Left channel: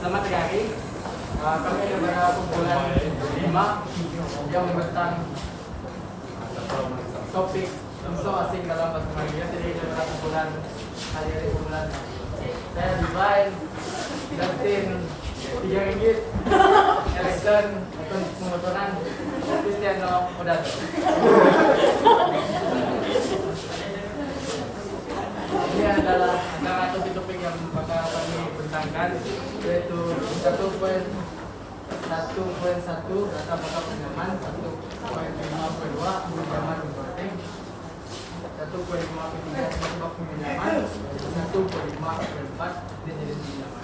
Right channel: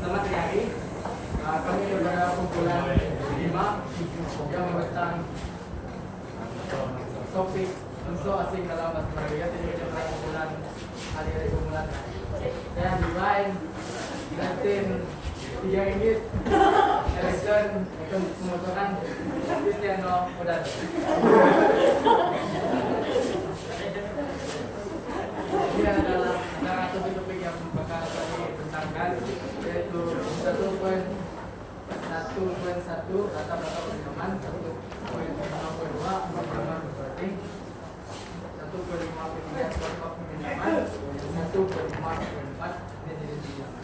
Selamat hari. Kami adalah kumpulan 5 yang tentang topik unsur asing dalam bahasa Melayu. Jadi kita adalah kumpulan hari-hari kumpulan. Saya Divine, Justin, RM3, Alexon, untuk pemotoran, Cristiano Odato. Ini adalah topik yang bakal kami bentangkan, yaitu 1.1 data bakal pengaman, 1.5.2 pengaman masing, 1.5.3 bakal pengaman, 1.5.4 ini jadi pengaman.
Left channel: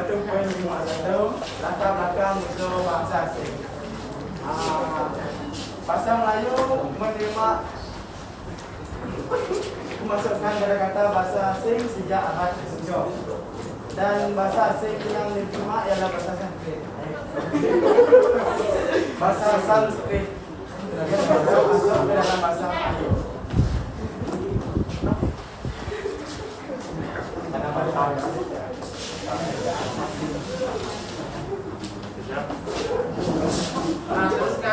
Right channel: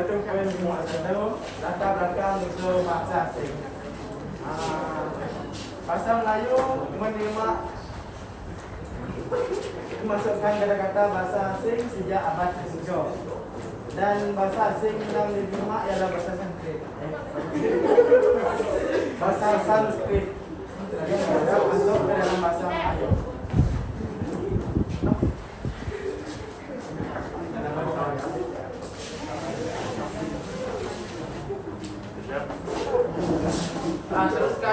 1.51 latar belakang unsur bangsa asing. Bahasa Melayu menerima memasukkan kata-kata bahasa asing sejak abad ke-7 dan bahasa asing yang diterima ialah bahasa Sanskrit. Bahasa Sanskrit yang masuk ke dalam bahasa Melayu.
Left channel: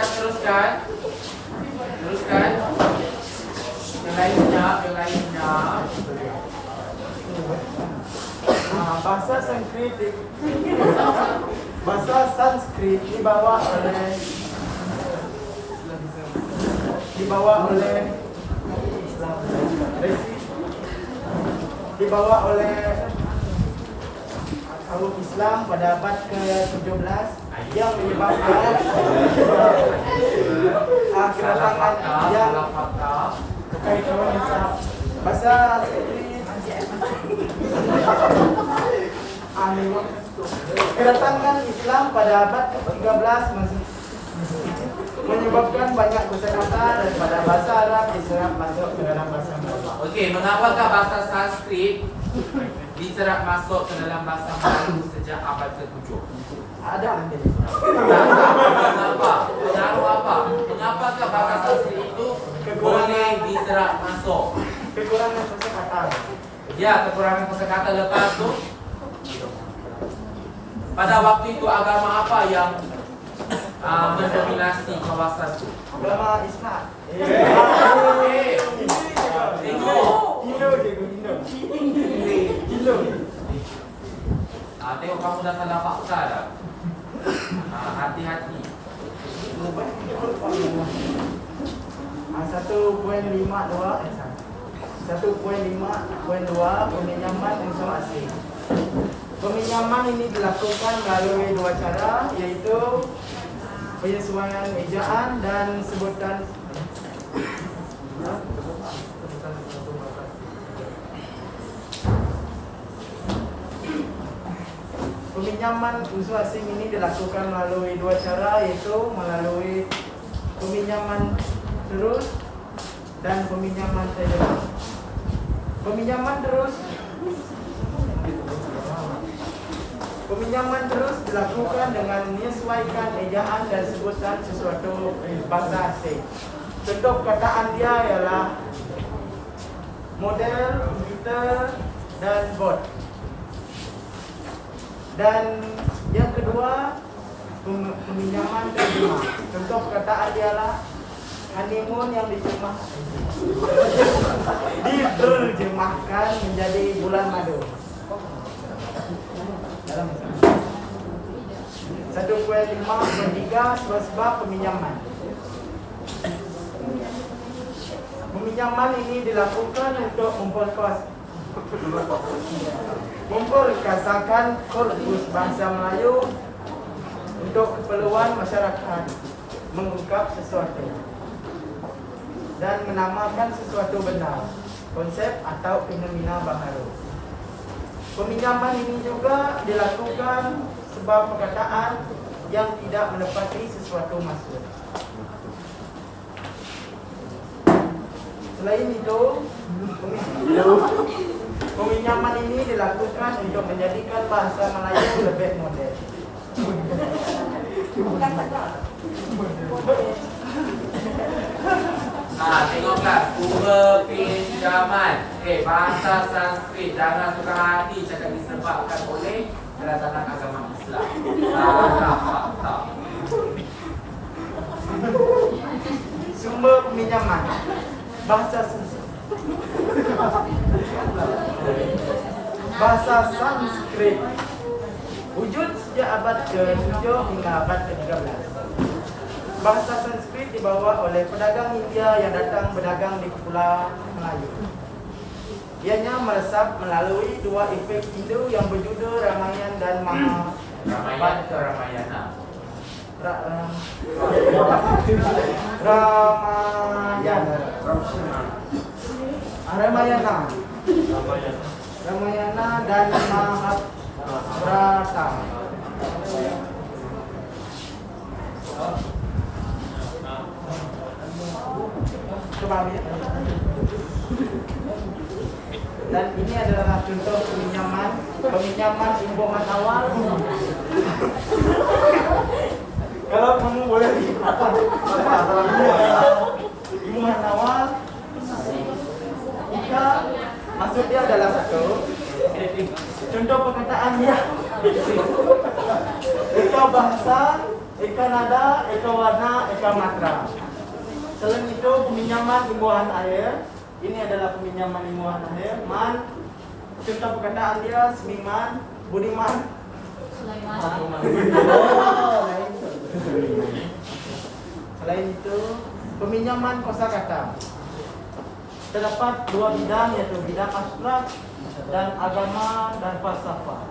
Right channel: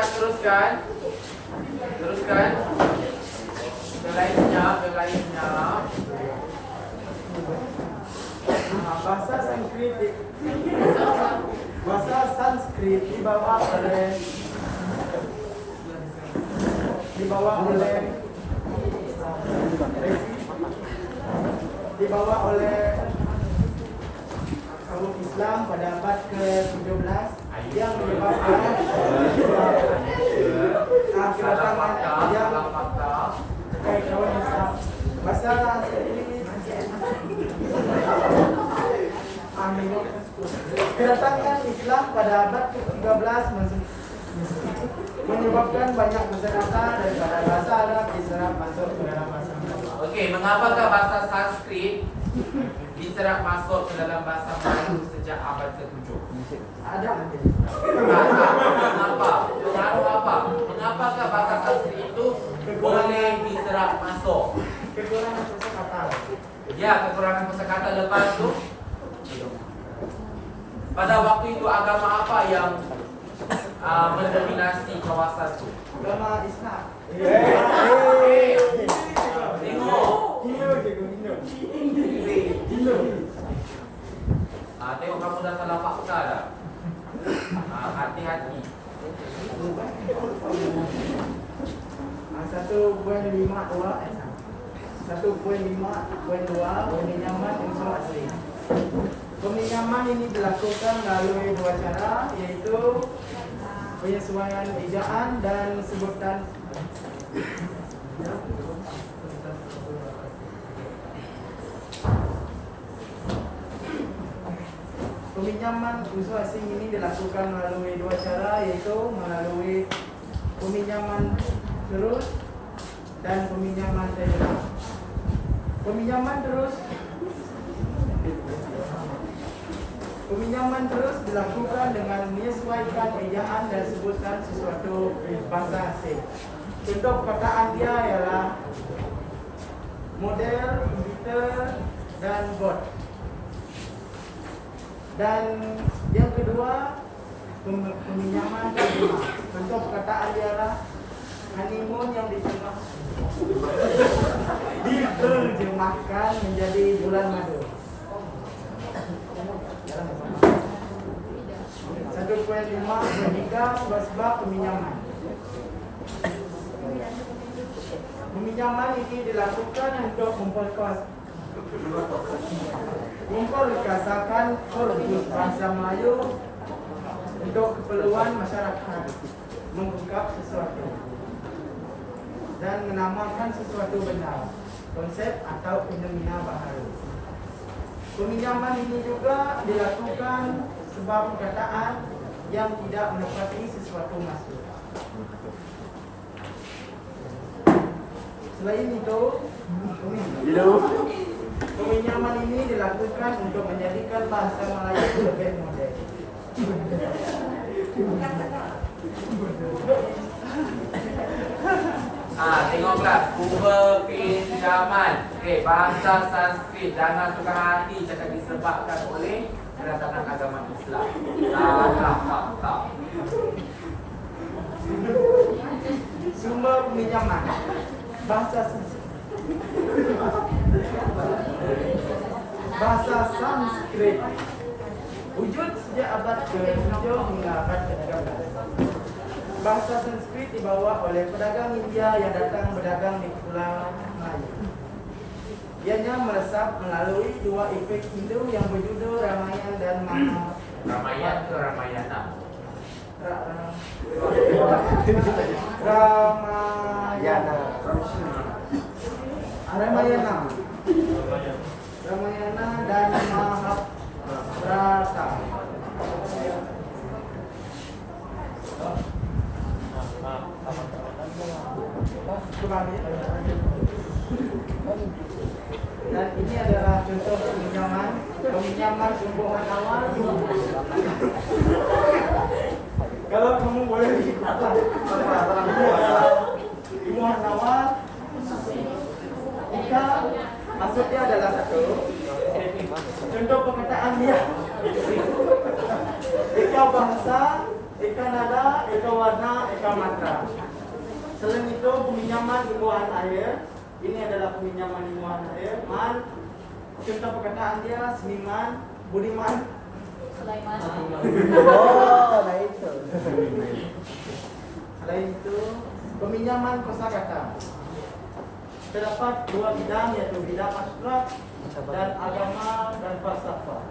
Teruskan. Yang lainnya. Bahasa Sanskrit dibawa oleh kaum Islam pada abad ke-17 yang menyebabkan kedatangan yang kekaitan bahasa Sanskrit. Kedatangan Islam pada abad ke-13 menyebabkan banyak kosakata daripada bahasa Arab diserap masuk ke dalam bahasa Melayu. Okey, mengapakah bahasa Sanskrit diserap masuk ke dalam bahasa Melayu sejak abad ke-7? Ada nanti. Mengapakah bahasa Sanskrit itu boleh diserap masuk? Kekurangan kosakata. Ya, kekurangan kosakata lepas tu. Pada waktu itu agama apa yang mendominasi kawasan itu? Agama Islam. Hindu. Tengok kamu dah salah fakta dah. Hati-hati. 1.5.2 peminjaman unsur asing. Peminjaman ini dilakukan melalui dua cara, yaitu penyesuaian ejaan dan sebutan. Peminjaman unsur asing ini dilakukan melalui dua cara, yaitu melalui peminjaman terus dan peminjaman terus. Peminjaman terus dilakukan dengan menyesuaikan ejaan dan sebutan sesuatu bahasa asing. Contoh perkataan dia ialah model, komputer, dan bot. Dan yang kedua, peminjaman terjemah. Contoh perkataan dia ialah honeymoon yang diterjemahkan menjadi bulan madu. 1.5.3 sebab peminjaman. Peminjaman ini dilakukan untuk memperkasakan korpus bahasa Melayu untuk keperluan masyarakat mengungkap sesuatu dan menamakan sesuatu benda, konsep atau fenomena baharu. Peminjaman ini juga dilakukan sebab perkataan yang tidak menepati sesuatu maksud. Selain itu, peminjaman ini dilakukan untuk menjadikan bahasa Melayu lebih moden. Tengoklah Kuba pinjaman. Bahasa Sanskrit. Jangan suka hati cakap disebabkan oleh kedatangan agama Islam. Salah fakta. Sumber peminjaman bahasa Sanskrit wujud sejak abad ke-7 hingga abad ke-13. Bahasa Sanskrit dibawa oleh pedagang India yang datang berdagang di Pulau Melayu. Ianya meresap melalui dua efek Hindu yang berjudul Ramayana dan Ramayana ke Ramayana? Ramayana dan Mahabharata. Coba ya. Dan ini adalah contoh peminjaman tumbuhan awal. Kalau kamu boleh apa tumbuhan awal, ika maksudnya adalah satu. Contoh perkataannya, ika bahasa, ika nada, ika warna, ika matra. Selain itu peminjaman tumbuhan air. Ini adalah peminjaman tumbuhan air. Man, contoh perkataan dia seniman, budiman, Sulaiman. Selain itu peminjaman kosakata. Terdapat dua bidang, yaitu bidang abstrak dan agama dan falsafah.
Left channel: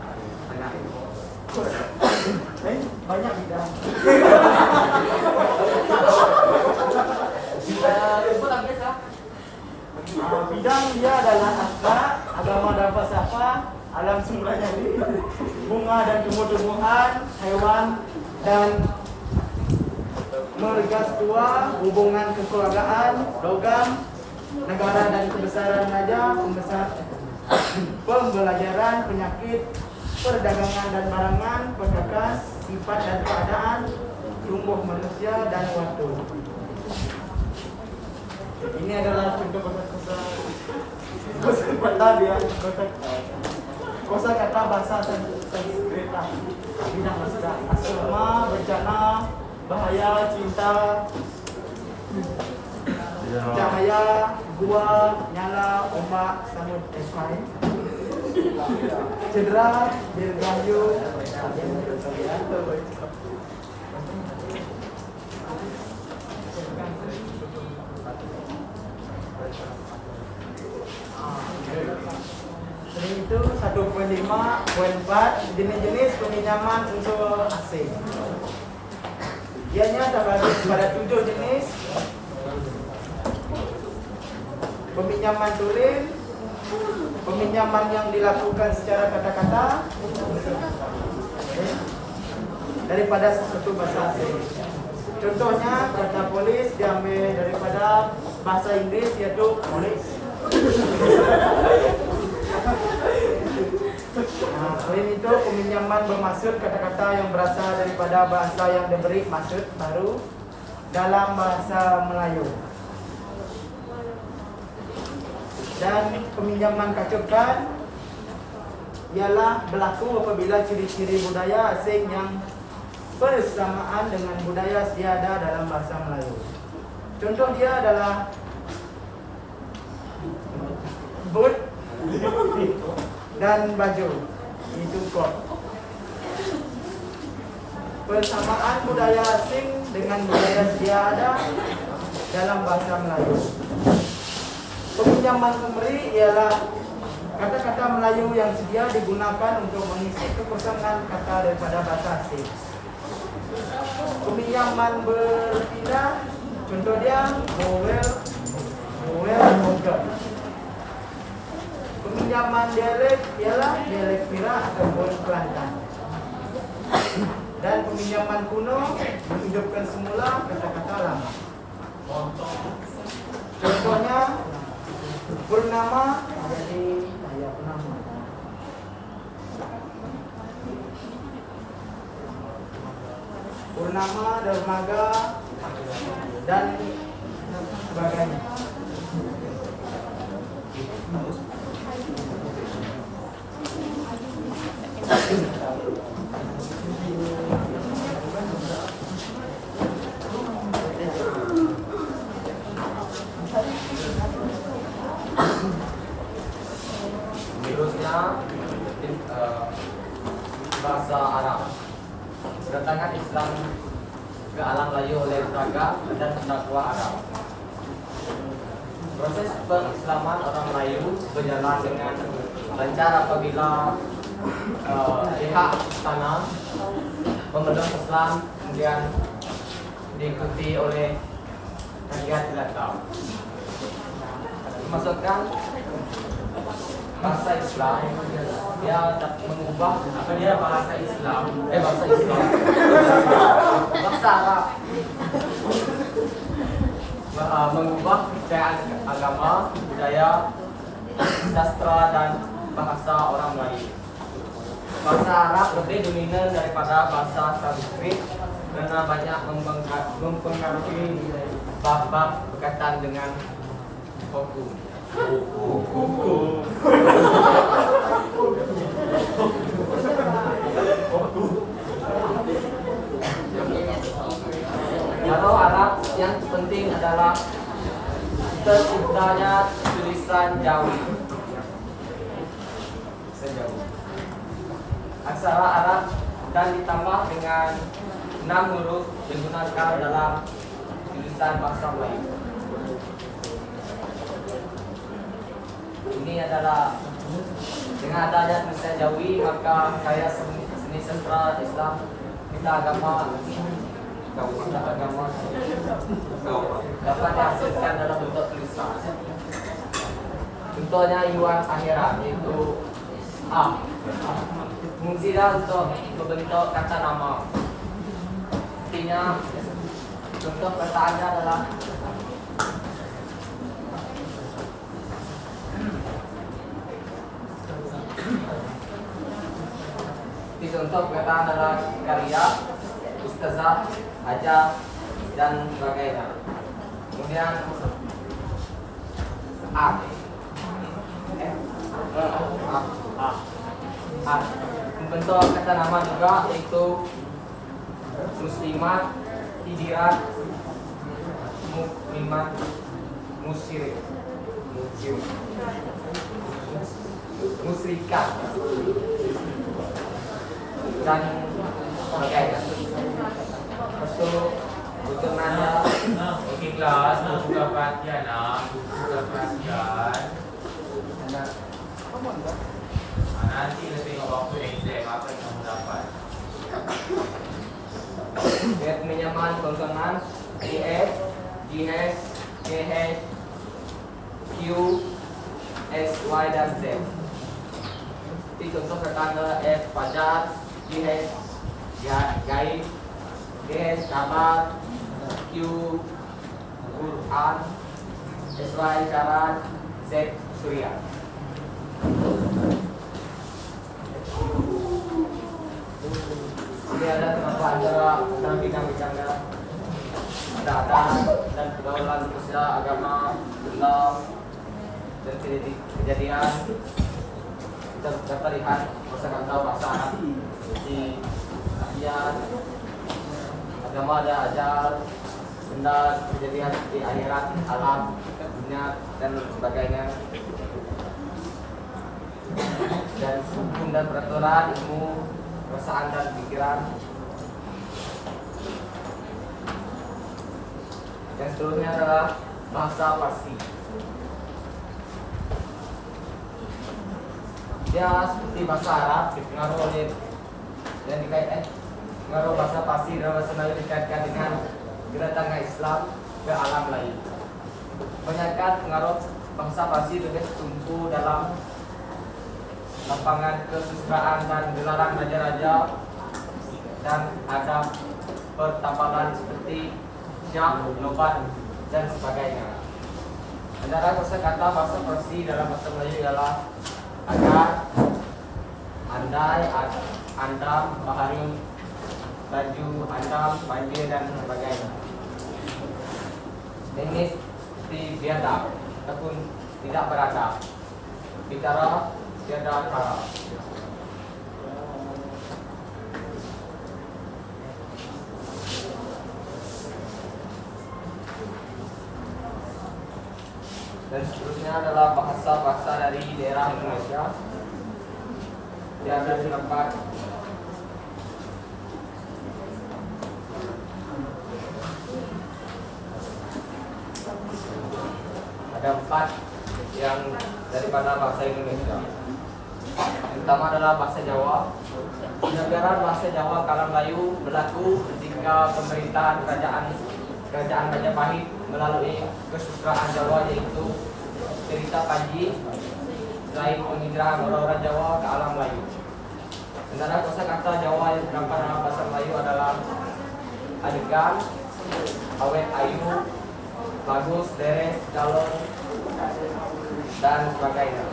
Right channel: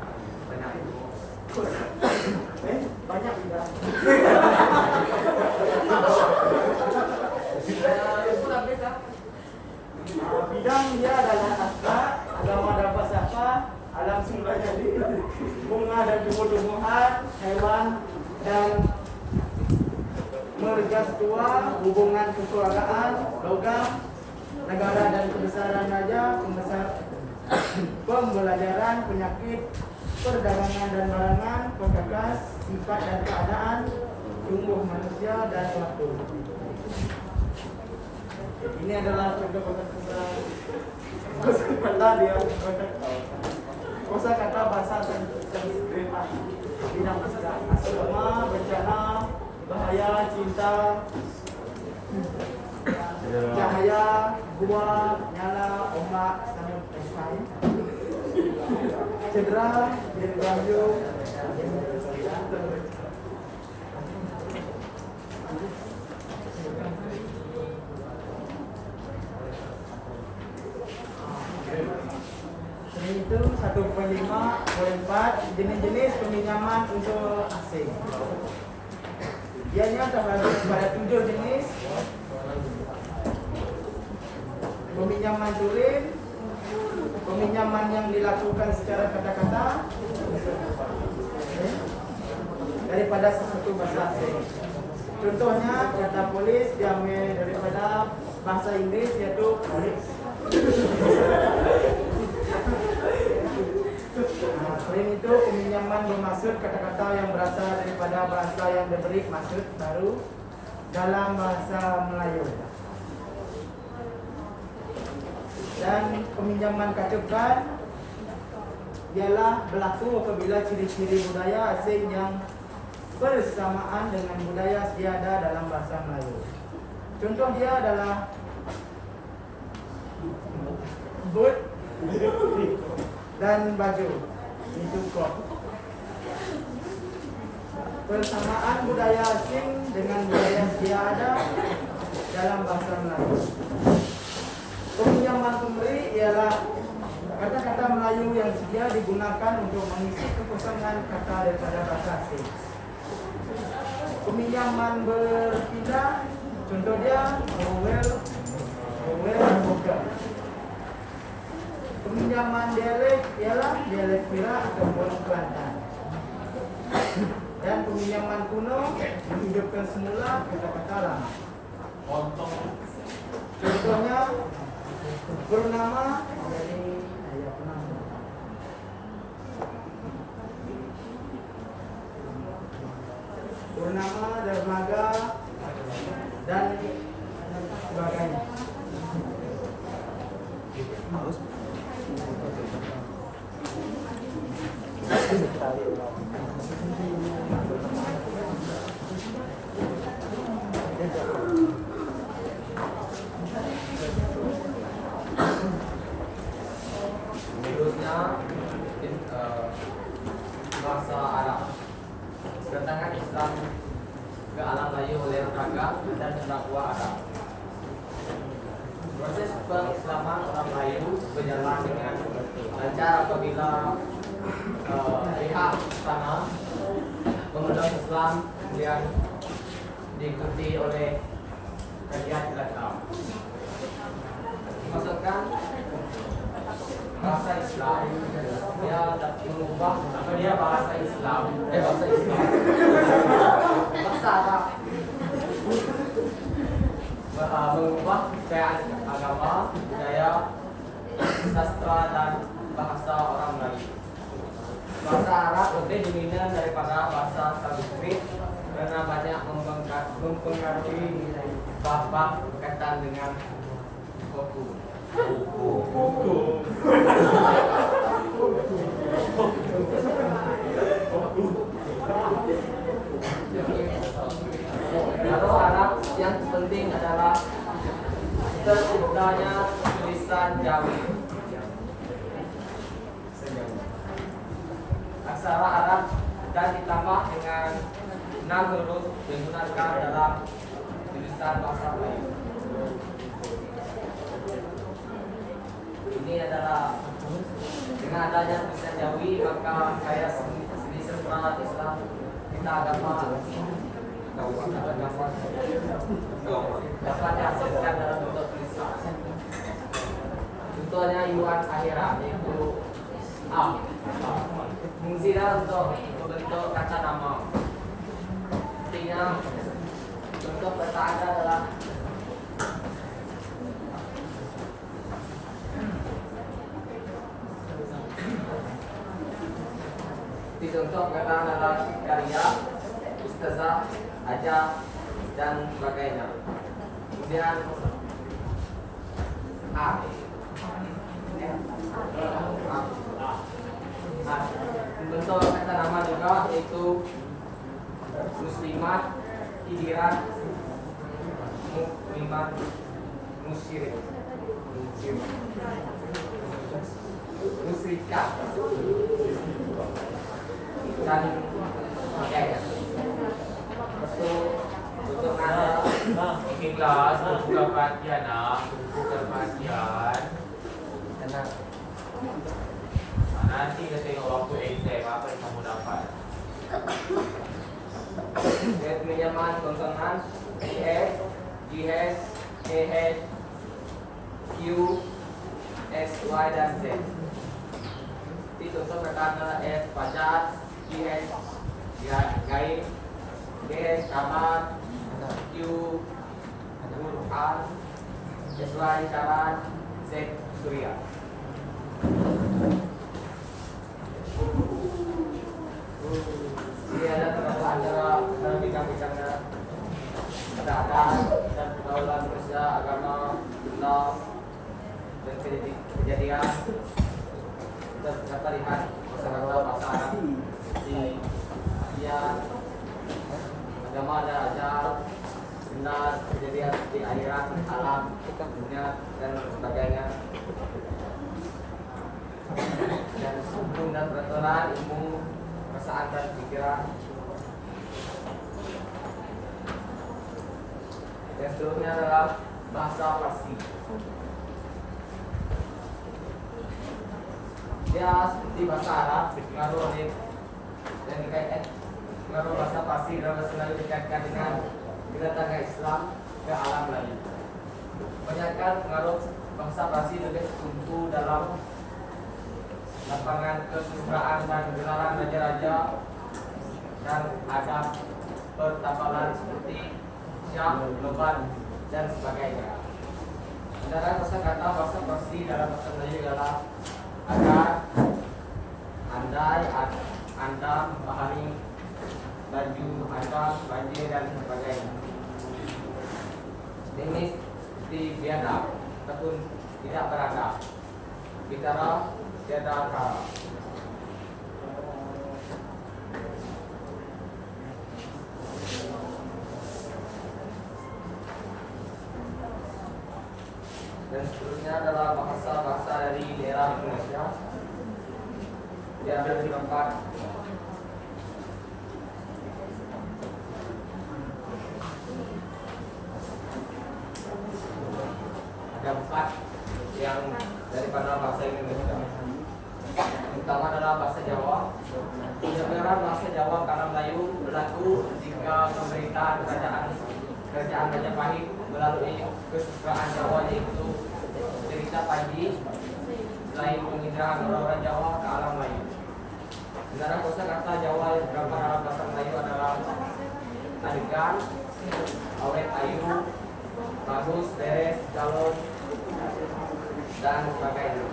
Banyak bidang. Bidang dia adalah abstrak, agama dan falsafah, alam semula jadi, bunga dan tumbuh-tumbuhan, hewan dan mergatua, hubungan kekeluargaan, logam, negara dan kebesaran raja, pembelajaran, penyakit, perdagangan dan barangan, perbekas, sifat dan keadaan, tumbuh manusia dan waktu. Ini adalah contoh kosakata dia, kosakata bahasa Sanskrit, bidang asma, bencana, bahaya, cinta, cahaya, gua, nyala, ombak, samud, esai, cedera, dirgayu, itu 1.5.4 jenis-jenis peminjaman unsur asing. Ianya terbagi pada 7 jenis. Peminjaman tulen, peminjaman yang dilakukan secara kata-kata daripada sesuatu bahasa asing. Contohnya kata polis diambil daripada bahasa Inggris, yaitu police. Selain itu peminjaman bermaksud kata-kata yang berasal daripada bahasa yang diberi maksud baru dalam bahasa Melayu. Dan peminjaman kacukan ialah berlaku apabila ciri-ciri budaya asing yang bersamaan dengan budaya sedia ada dalam bahasa Melayu. Contoh dia adalah boot dan baju, itu kok. Persamaan budaya asing dengan budaya sedia ada dalam bahasa Melayu. Peminjaman pemberi ialah kata-kata Melayu yang sedia digunakan untuk mengisi kekosongan kata daripada bahasa asing. Peminjaman berpindah, contoh dia mungkin. Peminjaman dialek ialah dialek Perak ataupun Kelantan. Dan peminjaman kuno menghidupkan semula kata-kata lama. Contohnya purnama dari daya purnama. purnama, dermaga, dan sebagainya. Seterusnya bahasa Arab. Kedatangan Islam ke alam Melayu oleh raga dan pendakwa Arab. Proses pengislaman orang Melayu berjalan dengan lancar apabila pihak istana pemeluk Islam kemudian diikuti oleh rakyat jelata. Maksudkan bahasa Islam dia mengubah apa dia bahasa Islam bahasa Arab mengubah kepercayaan agama, budaya, sastra dan bahasa orang Melayu. Bahasa Arab lebih dominan daripada bahasa Sanskrit karena banyak mempengaruhi bab-bab berkaitan dengan hukum. Kalau Arab yang penting adalah terciptanya tulisan Jawi. Aksara Arab dan ditambah dengan 6 huruf digunakan dalam tulisan bahasa Melayu. Ini adalah dengan adanya tulisan Jawi maka karya seni sastra Islam kita agama dapat dihasilkan dalam bentuk tulisan. Contohnya Iwan Akhirat yaitu A. Fungsinya untuk membentuk kata nama. Artinya contoh perkataannya adalah contoh perkataan adalah karya, ustazah, ajar, dan sebagainya. Kemudian A. Bentuk kata nama juga yaitu muslimat, hidirat, mukmimat, musyirik, musrikat, dan sebagainya. Untuk nada. Okey kelas, buka perhatian buka perhatian. Nanti kita tengok waktu exam apa yang kamu dapat. Penyamaan konsonan EF, GH, KH, Q, S, Y, dan Z. Jadi contoh kata F pajak, GH gaib, GH kabar, Q Quran, SY syarat, Z surya. Ini ada terdapat antara bidang-bidangnya ada dan pergaulan manusia, agama, benda, dan kejadian. Kita dapat lihat kosakata bahasa Arab di artian agama ada ajar, benda, kejadian di akhirat, alam, dunia, dan sebagainya. Dan hukum dan peraturan, ilmu, perasaan dan pikiran. Yang seterusnya adalah bahasa Parsi. Dia seperti bahasa Arab dipengaruhi oleh dan dikaitkan pengaruh bahasa Parsi dalam bahasa Melayu dikaitkan dengan kedatangan Islam ke alam Melayu. Kebanyakan pengaruh bangsa Parsi lebih tertumpu dalam lapangan kesusastraan dan gelaran raja-raja dan adab pertambangan seperti syah, nobat, dan sebagainya. Antara kosakata bahasa Parsi dalam bahasa Melayu adalah agar, andai, andam, bahari, laju, ancam, banjir dan sebagainya. Jenis biadab ataupun tidak beradab. Bicara tiada cara. Dan seterusnya adalah bahasa-bahasa dari daerah Indonesia yang terdapat ada 4 yang daripada bahasa Indonesia. Yang pertama adalah bahasa Jawa. Penyebaran bahasa Jawa kala Melayu berlaku ketika pemerintahan kerajaan Majapahit melalui kesusastraan Jawa, yaitu cerita Panji, selain penginderaan orang-orang Jawa ke alam Melayu. Antara kosakata Jawa yang terdapat dalam bahasa Melayu adalah adegan, awet ayu, bagus, deres, calon, dan sebagainya.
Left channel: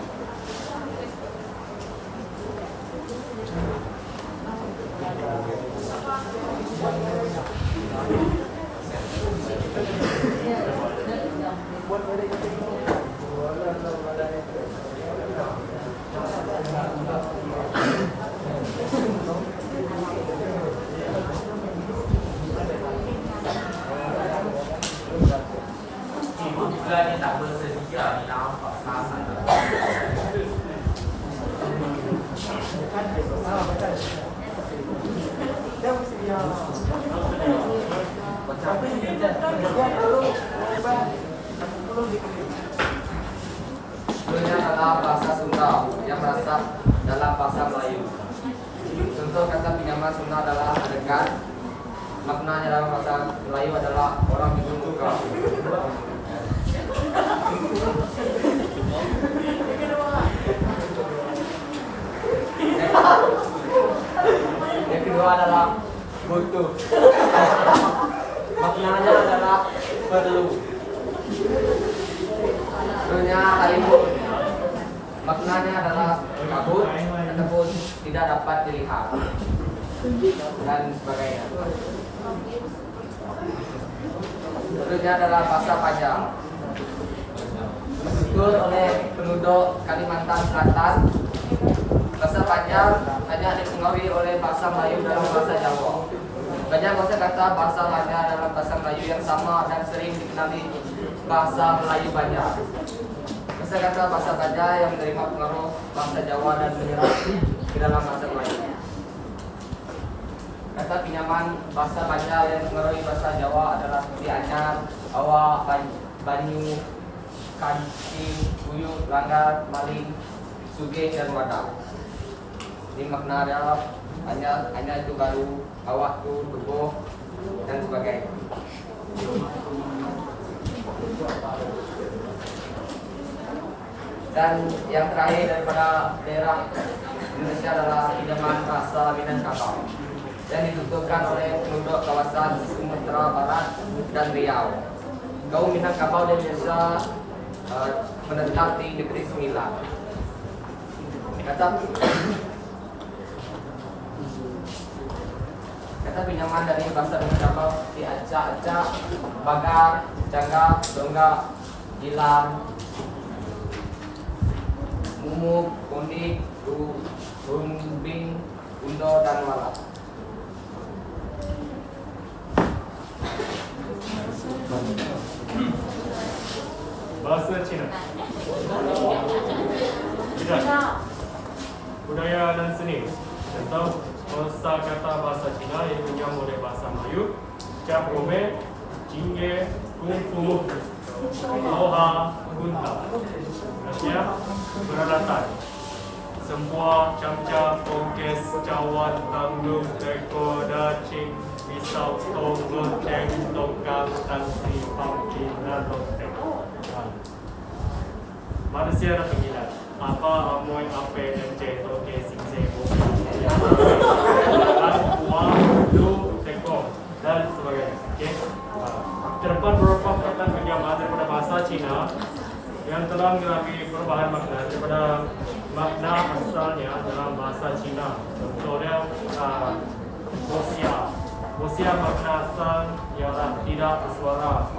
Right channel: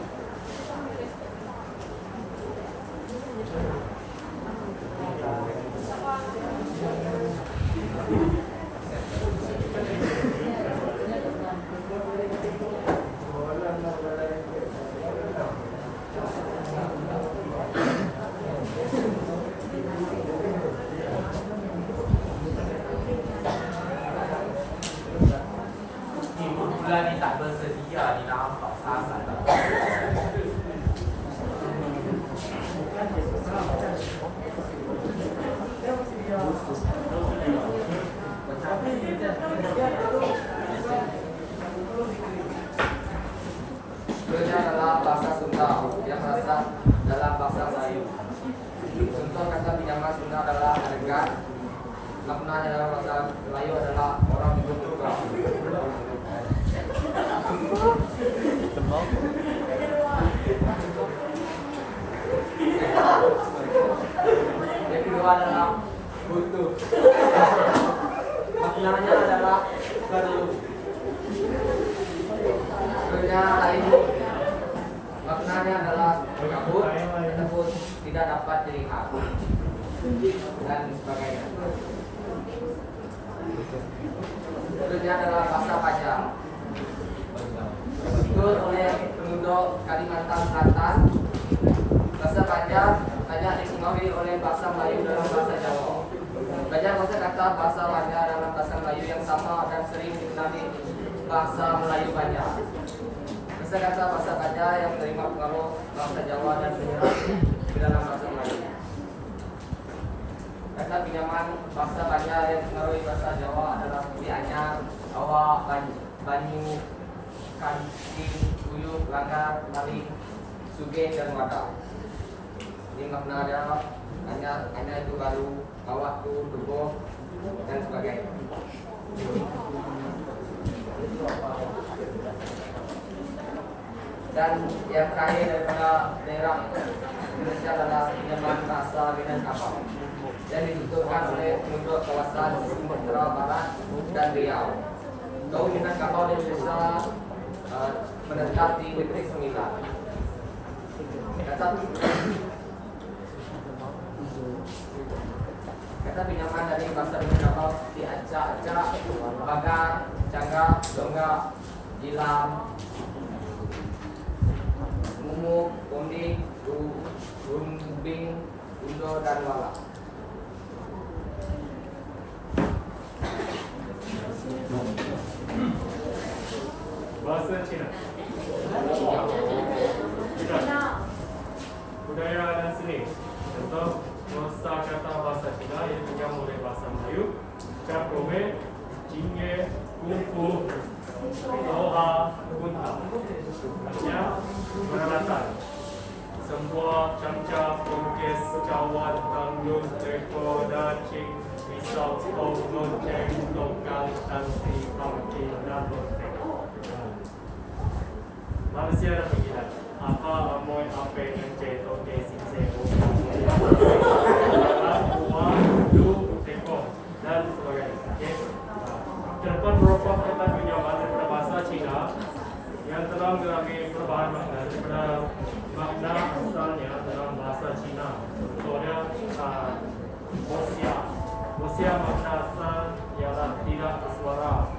Bulan ni tak bersedia di nampak sasaran. Sebenarnya adalah bahasa Sunda yang berasal dalam bahasa Melayu. Contoh kata pinjaman Sunda adalah adegan. Maknanya dalam bahasa Melayu adalah orang bingung muka. Yang kedua adalah butuh. Maknanya adalah perlu. Sebenarnya halimun. Maknanya adalah kabut ataupun tidak dapat dilihat dan sebagainya. Sebenarnya adalah bahasa Pajang. Ditutur oleh penduduk Kalimantan Selatan. Bahasa Pajang hanya dipengaruhi oleh bahasa Melayu dalam bahasa Jawa. Banyak kata bahasa Pajang dalam bahasa Melayu yang sama dan sering dikenali bahasa Melayu banyak. Kata bahasa Pajang yang menerima pengaruh bahasa Jawa dan menyerap ke dalam bahasa Melayu. Kata pinjaman bahasa Pajang yang mengaruhi bahasa Jawa adalah seperti anyar, awak, banyu, kancing, uyuh, langgar, maling, sugih, dan wadah. Ini makna adalah anyar itu baru, awak itu geboh, dan sebagainya. Dan yang terakhir daripada daerah Indonesia adalah pinjaman bahasa Minangkabau yang dituturkan oleh penduduk kawasan Sumatera Barat dan Riau. Kaum Minangkabau di Indonesia menetap di Negeri Sembilan. Kata pinjaman dari bahasa Minangkabau seperti acak-acak, bagar, jaga, donggak, hilang, mumuk, kondik, umbing, undo, dan walak. Bahasa Cina. Budaya dan seni. Contoh kosakata bahasa Cina yang pinjam oleh bahasa Melayu. Cap gome, jingge, kungfu, loha, gunta. Maksudnya peralatan. Semua camca, pongkes, cawan, tanggung, teko, dacing, pisau, stol, lonceng, tongkang, tangsi, pumpkin, dan lonteng. Manusia ada panggilan. Apa, amoy, ape, ence, toke, singse, boki, uang, du, teko, dan sebagainya. Okay? Terdapat beberapa perkataan penyamaan daripada bahasa Cina yang telah mengalami perubahan makna daripada makna asalnya dalam bahasa Cina. Contohnya, Bosia, Rusia makna asal ialah tidak bersuara.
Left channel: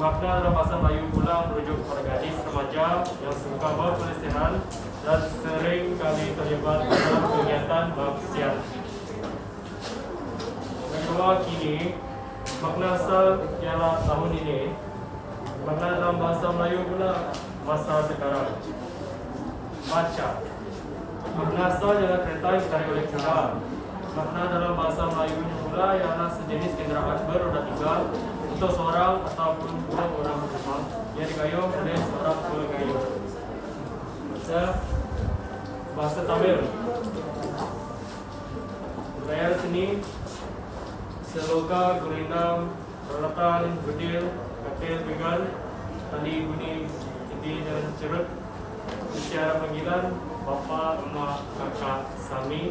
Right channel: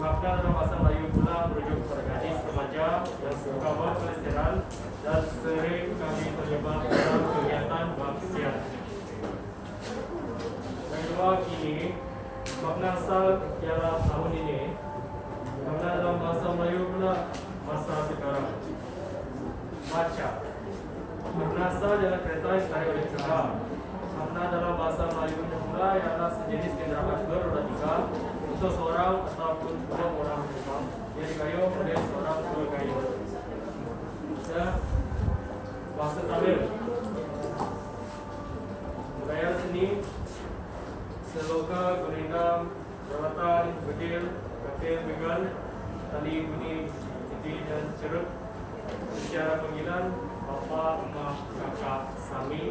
Makna dalam bahasa Melayu pula merujuk kepada gadis remaja yang suka berpelesiran dan sering kali terlibat dalam kegiatan maksiat. Kedua kini, makna asal ialah tahun ini. Makna dalam bahasa Melayu pula masa sekarang. Baca. Makna asal ialah kereta yang ditarik oleh kuda. Makna dalam bahasa Melayu pula ialah sejenis kenderaan beroda tiga untuk seorang ataupun dua orang penumpang yang digayung oleh seorang pegayuh. Bahasa Tamil. Layar seni, seloka, gurindam, peralatan, bedil, katil, begal, tali, budi, titi dan cerut. Secara panggilan bapa, emak, kakak, sami.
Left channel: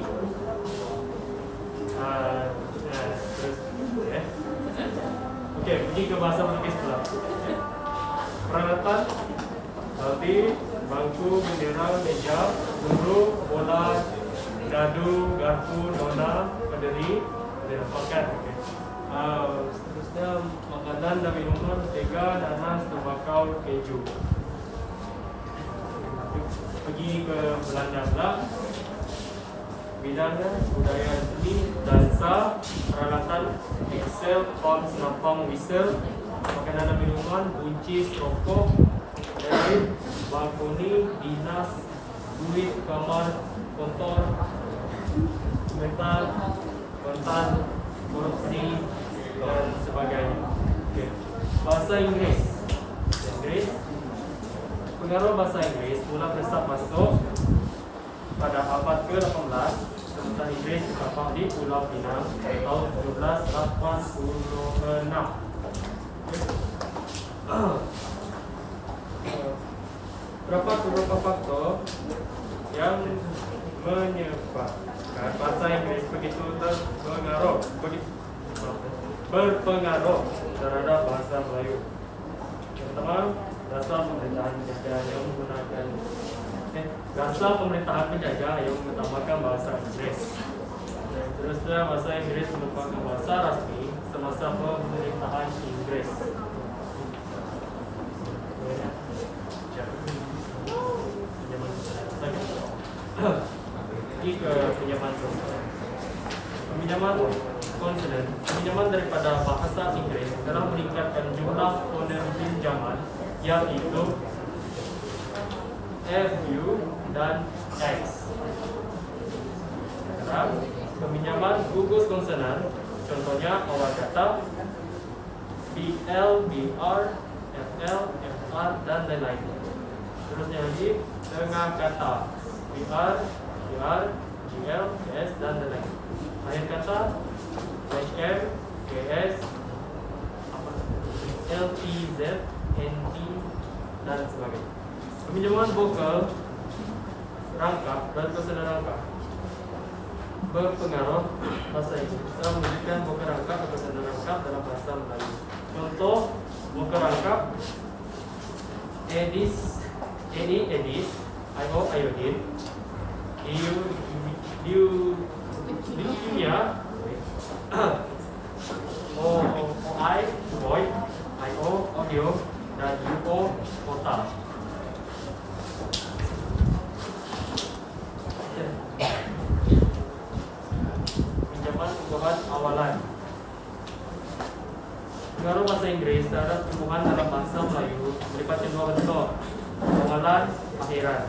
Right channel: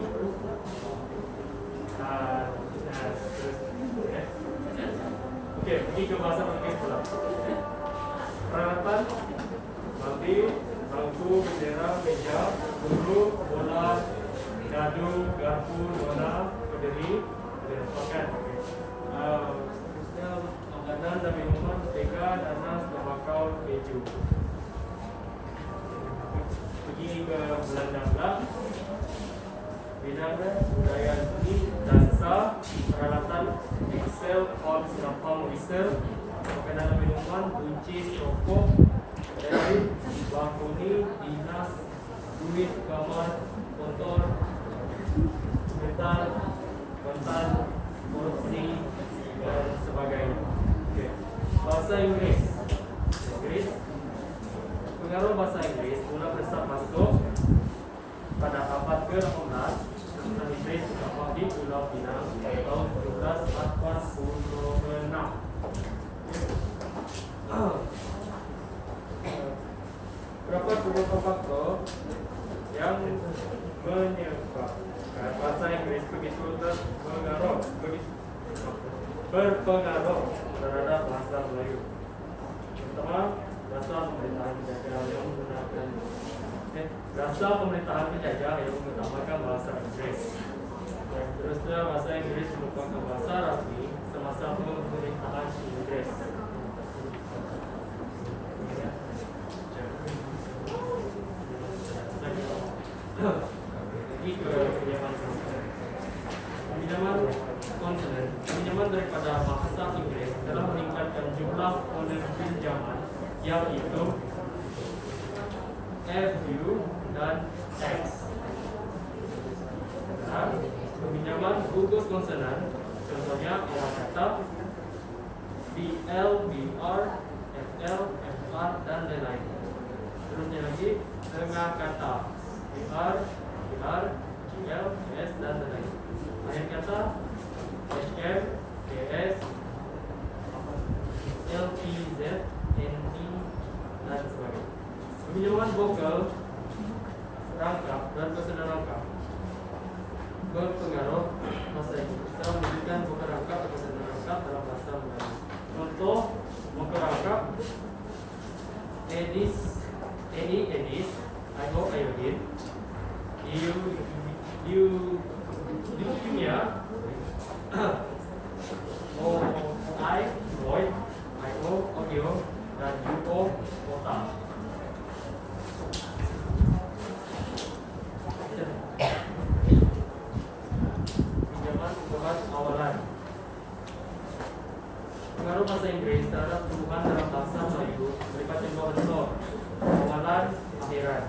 Okey, pergi ke bahasa Portugis pula. Peralatan, baldi, bangku, bendera, meja, guru, bola, dadu, garpu, nona, pederi, paket. Terusnya makanan dan minuman, tega, nanas, tembakau, keju. Pergi ke Belanda pula. Bidang budaya seni, dansa, peralatan, Excel, form, senampang, whistle, makanan dan minuman, buncis, rokok, dari balkoni, dinas, duit, kamar, kotor, mental, kontan, korupsi, dan sebagainya. Okay. Bahasa Inggeris. Pengaruh bahasa Inggeris mula meresap masuk pada abad ke-18. Bahasa Inggeris terdapat di Pulau Pinang tahun 1786. Terdapat beberapa faktor yang menyebabkan bahasa Inggris begitu berpengaruh terhadap bahasa Melayu. Pertama, dasar pemerintahan penjajah yang menggunakan bahasa Inggris. Terusnya bahasa Inggris merupakan bahasa rasmi semasa pemerintahan Inggris. Ini ke pinjaman konsonan. Pinjaman daripada bahasa Inggris telah meningkatkan jumlah fonem pinjaman yaitu FU dan X. Peminjaman gugus konsonan, contohnya awal kata BL, BR, FL, FR dan lain-lain. Terusnya lagi tengah kata BR, GR, GL, GS dan lain-lain. Akhir kata HM, GS, LPZ, NT dan sebagainya. Peminjaman vokal, rangkap dan konsonan rangkap berpengaruh bahasa Inggris. Kita memberikan vokal rangkap atau konsonan rangkap dalam bahasa Melayu. Contoh vokal rangkap Edis, IO, iodine, leukemia, OI, void, IO, audio, dan UO, kota. Pinjaman ungkapan awalan. Pengaruh bahasa Inggris terhadap tumbuhan dalam bahasa Melayu melibatkan dua bentuk, awalan, akhiran.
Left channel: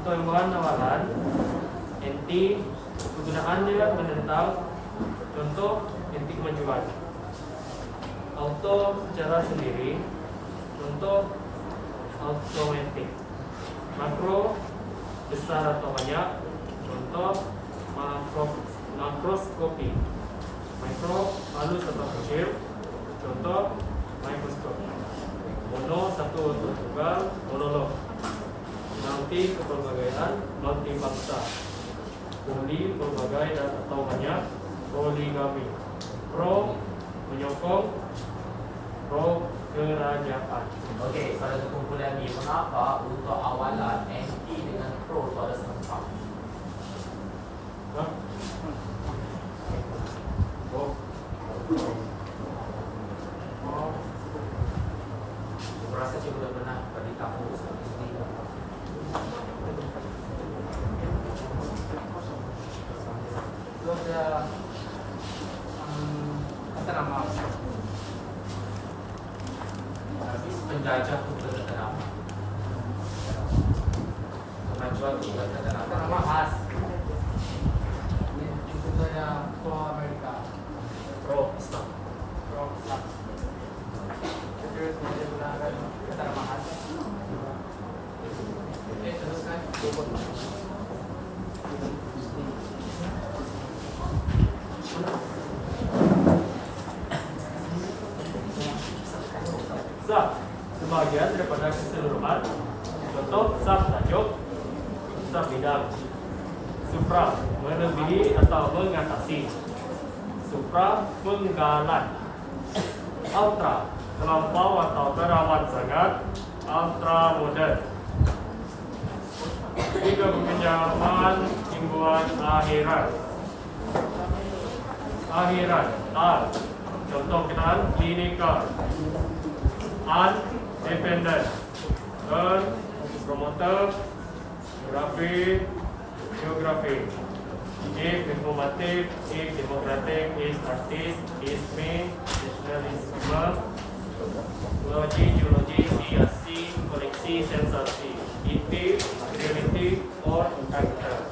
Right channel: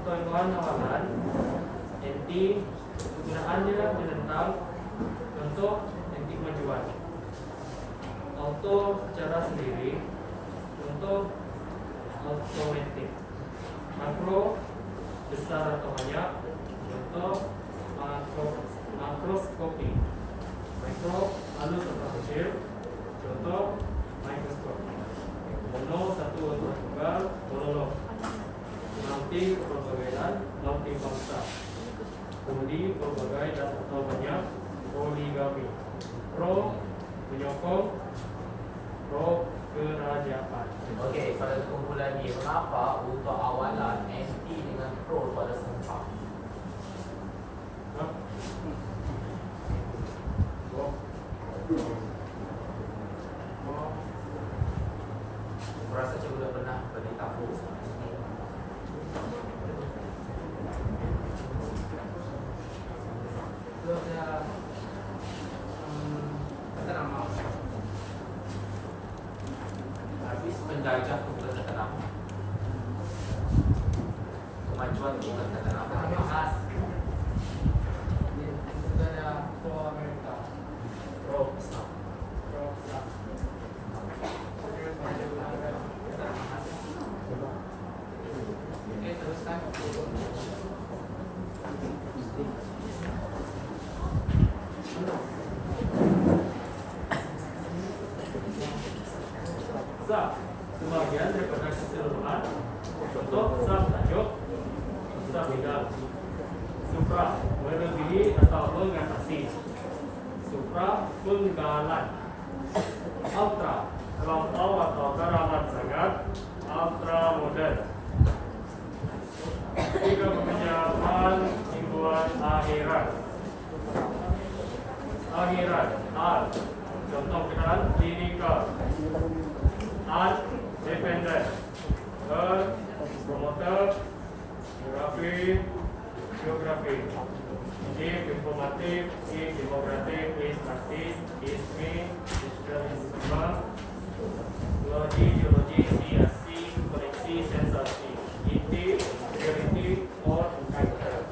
Untuk tumbuhan awalan, inti penggunaannya menentang, contoh inti kemajuan. Auto secara sendiri, contoh automatic. Makro besar atau banyak, contoh makroskopi. Mikro halus atau kecil, contoh mikroskop. Mono satu atau tunggal, monolog. Multi kepelbagaian, multi bangsa. Poli pelbagai dan atau banyak, poligami. Pro menyokong, pro kerajaan. Okey, pada kumpulan ni, mengapa untuk awalan anti dengan pro pada sempat? Oh. Aku rasa cikgu dah pernah bagi tahu seperti ini. Lu ada kata nama Habis penjajah itu bukan kata nama. Kemajuan itu bukan kata kata nama. nama khas. Ini contohnya pro Amerika, Pro Islam. pro Islam. Terus dia gunakan kata nama khas. Oke, teruskan. Sab sebagian daripada keseluruhan. Contoh sab tajuk, sab bidang. Supra melebihi atau mengatasi. Supra penggalan. Ultra terlampau atau teramat sangat. Ultra modern. Juga peminjaman imbuhan akhirat. Akhirat, tal. Contoh kenal klinikal. Independent. Promoter. Geografi. Geografi. A. Informatif. A. Demokratik. A. Statis. A. Main. Nasionalisme. Geologi. Geologi. C. Asi. Koleksi. Sensasi. IT. Security. Or culture.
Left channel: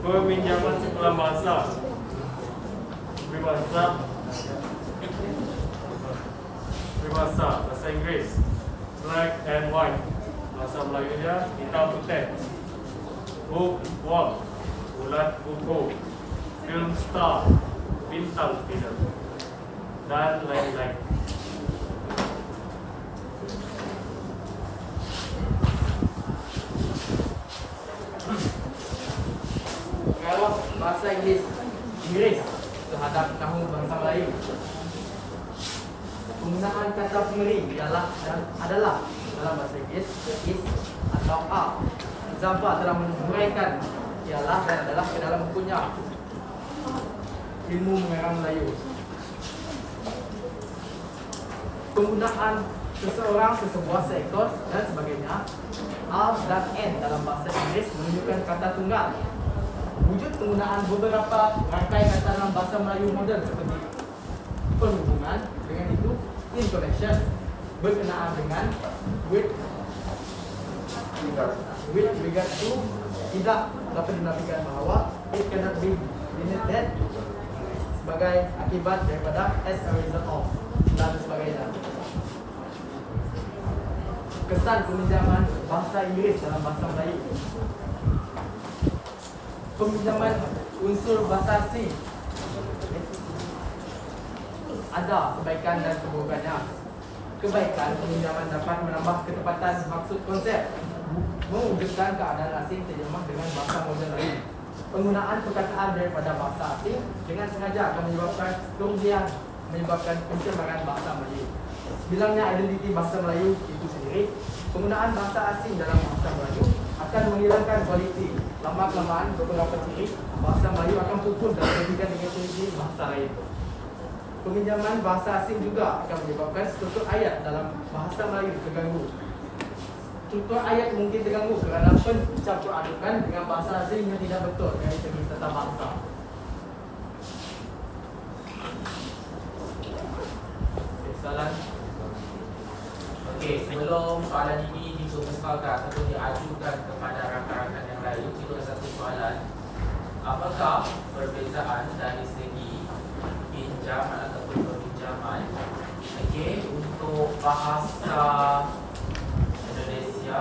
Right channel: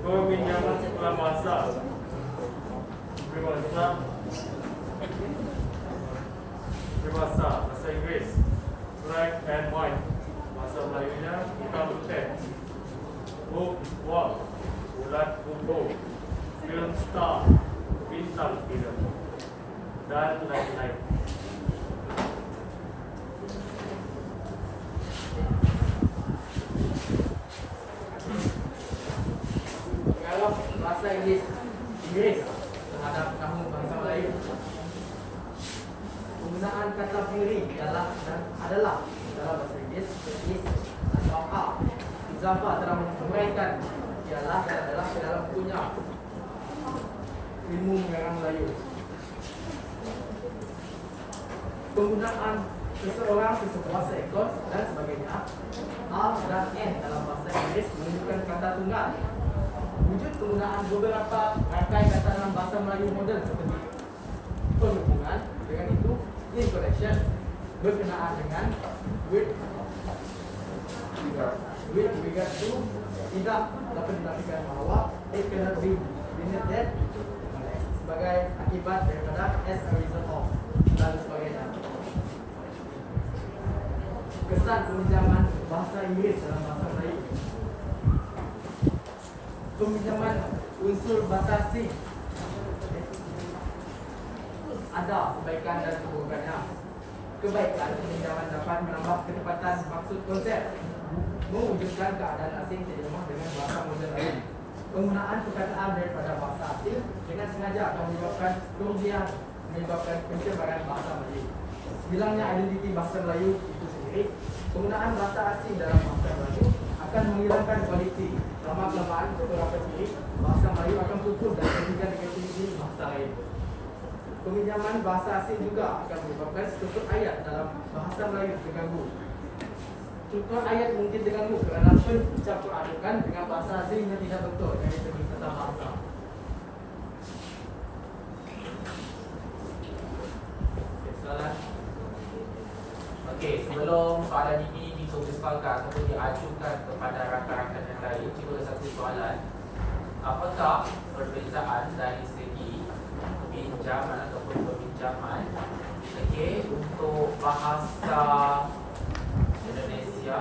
Peminjaman sekolah bahasa. Peribahasa. Peribahasa bahasa Inggris. Black and white. Bahasa Melayunya hitam putih. Book, wall. Bulat buku. Film star. Bintang film. Dan lain-lain. Kalau bahasa Inggris terhadap kamu bangsa Melayu, penggunaan kata pemberi adalah dalam bahasa Inggris is atau are. Zafar telah menguraikan ialah dan adalah ke dalam bukunya Ilmu Mengarang Melayu. Penggunaan seseorang, sesebuah, seekor dan sebagainya, are dan n dalam bahasa Inggris menunjukkan kata tunggal. Wujud penggunaan beberapa rangkai kata dalam bahasa Melayu moden seperti perhubungan, dengan itu in connection, berkenaan dengan, with regard to, tidak dapat dinafikan bahawa, it cannot be denied sebagai akibat daripada, as a result of, dan sebagainya. Kesan peminjaman bahasa Inggris dalam bahasa Melayu. Peminjaman unsur bahasa asing ada kebaikan dan keburukannya. Kebaikan peminjaman dapat menambah ketepatan maksud konsep, mewujudkan keadaan asing terjemah dengan bahasa moden lain. Penggunaan perkataan daripada bahasa asing dengan sengaja akan menyebabkan kerugian, menyebabkan pencemaran bahasa Melayu. Hilangnya identiti bahasa Melayu itu sendiri. Penggunaan bahasa asing dalam bahasa Melayu akan menghilangkan kualiti. Lama-kelamaan beberapa ciri bahasa Melayu akan putus dan bergantikan dengan ciri bahasa lain. Peminjaman bahasa asing juga akan menyebabkan struktur ayat dalam bahasa Melayu terganggu. Struktur ayat mungkin terganggu kerana pencampur adukan dengan bahasa asing yang tidak betul dari segi tata bahasa. Soalan? Okey, sebelum soalan ini dikemukakan ataupun diajukan kepada rakan-rakan yang lain, cikgu ada satu soalan. Apakah perbezaan dari segi pinjaman ataupun peminjaman untuk bahasa Indonesia,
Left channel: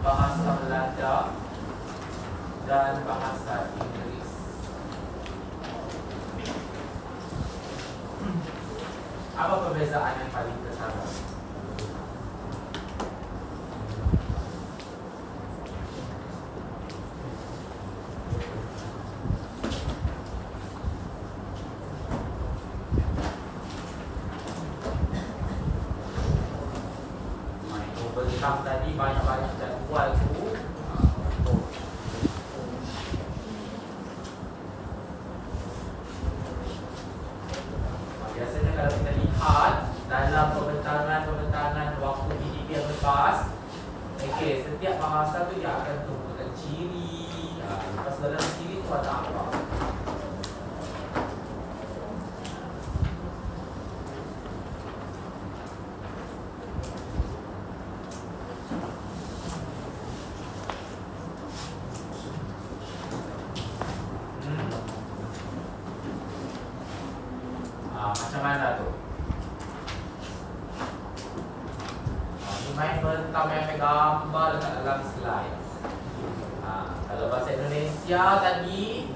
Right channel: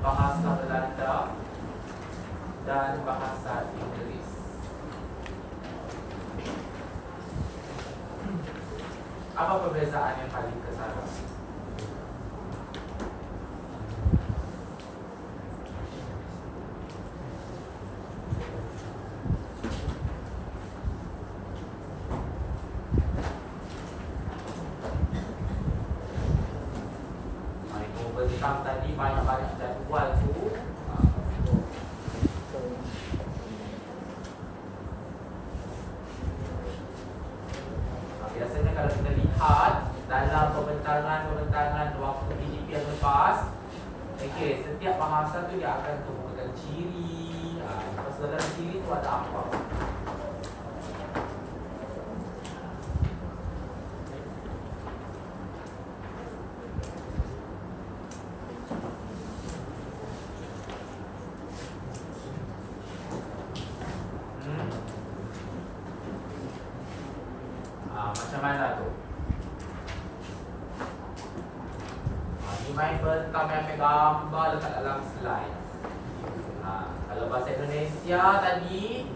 bahasa Belanda dan bahasa Inggeris? Apa perbezaan yang paling ketara? Tadi banyak-banyak jadual tu tu dia akan temukan ciri. Lepas dalam ciri tu ada apa? Macam mana tu? Ni main bentang main gambar dekat dalam slide. Kalau bahasa Indonesia tadi,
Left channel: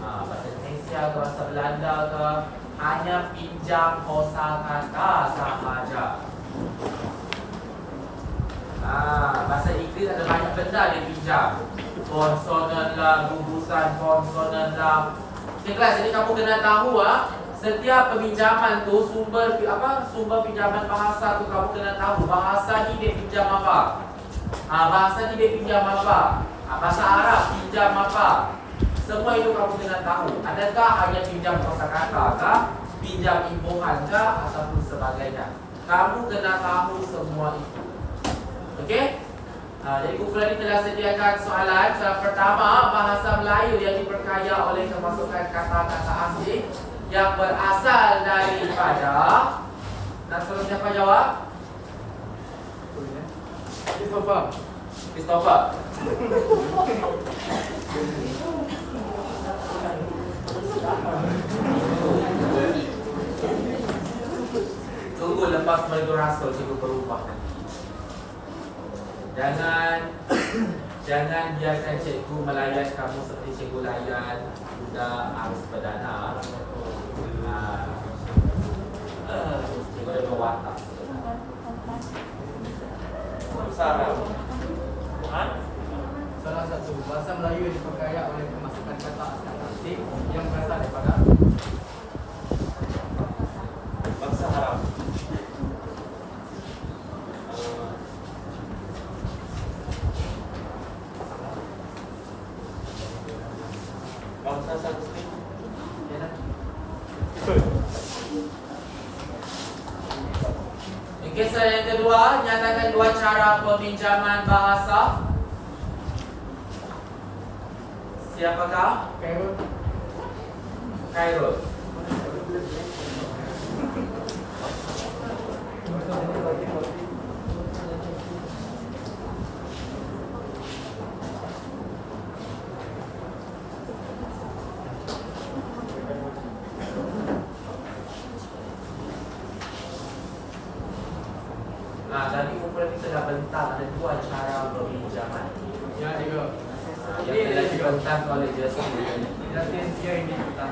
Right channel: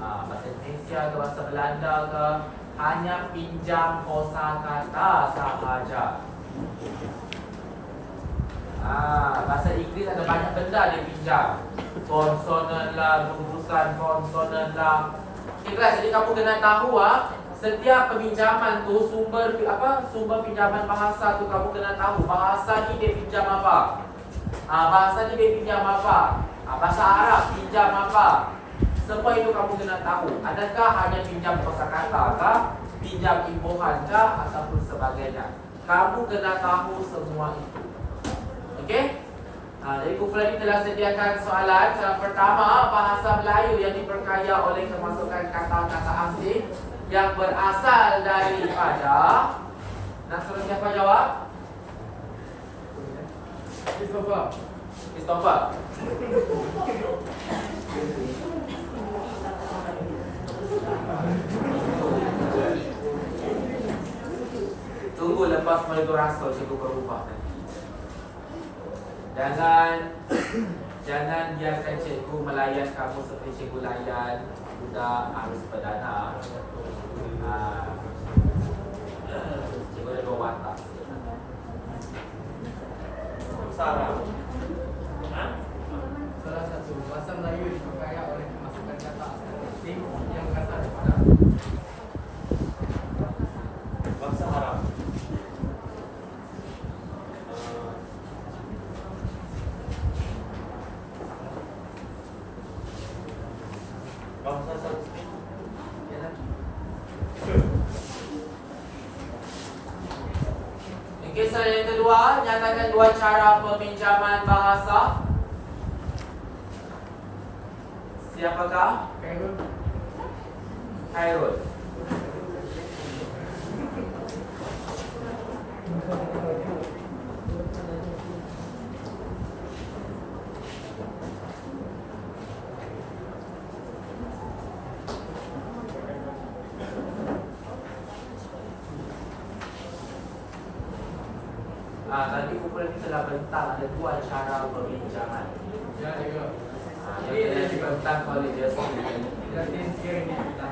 bahasa Indonesia ke bahasa Belanda ke, hanya pinjam kosakata sahaja. Bahasa Inggeris ada banyak benda dia pinjam. Konsonan lah, gugusan konsonan lah. Okay, kelas, jadi kamu kena tahu setiap peminjaman tu sumber pinjaman bahasa tu kamu kena tahu bahasa ni dia pinjam apa. Bahasa ni dia pinjam apa. Bahasa Arab pinjam apa. Semua itu kamu kena tahu. Adakah hanya pinjam kosakata kah, pinjam imbuhan kah, ataupun sebagainya. Kamu kena tahu semua itu. Okey? Jadi kumpulan ini telah sediakan soalan. Soalan pertama, bahasa Melayu yang diperkaya oleh kemasukan kata-kata asing yang berasal daripada. Nak suruh siapa jawab? Christopher. Tunggu lepas Melayu Rasul cikgu berubah nanti. Jangan biarkan cikgu melayan kamu seperti cikgu layan budak arus perdana. Cikgu ada dua watak sebenarnya. Salah satu bahasa Melayu yang diperkaya oleh kemasukan kata asing yang berasal daripada Bangsa Arab. Bangsa Sanskrit. Okey, soalan yang kedua, nyatakan dua cara peminjaman bahasa. Siapakah? Khairul. Tadi kumpulan kita telah bentang ada dua cara peminjaman. Ya, cikgu. Yang telah dibentang oleh Justin. Justin dia ini kita.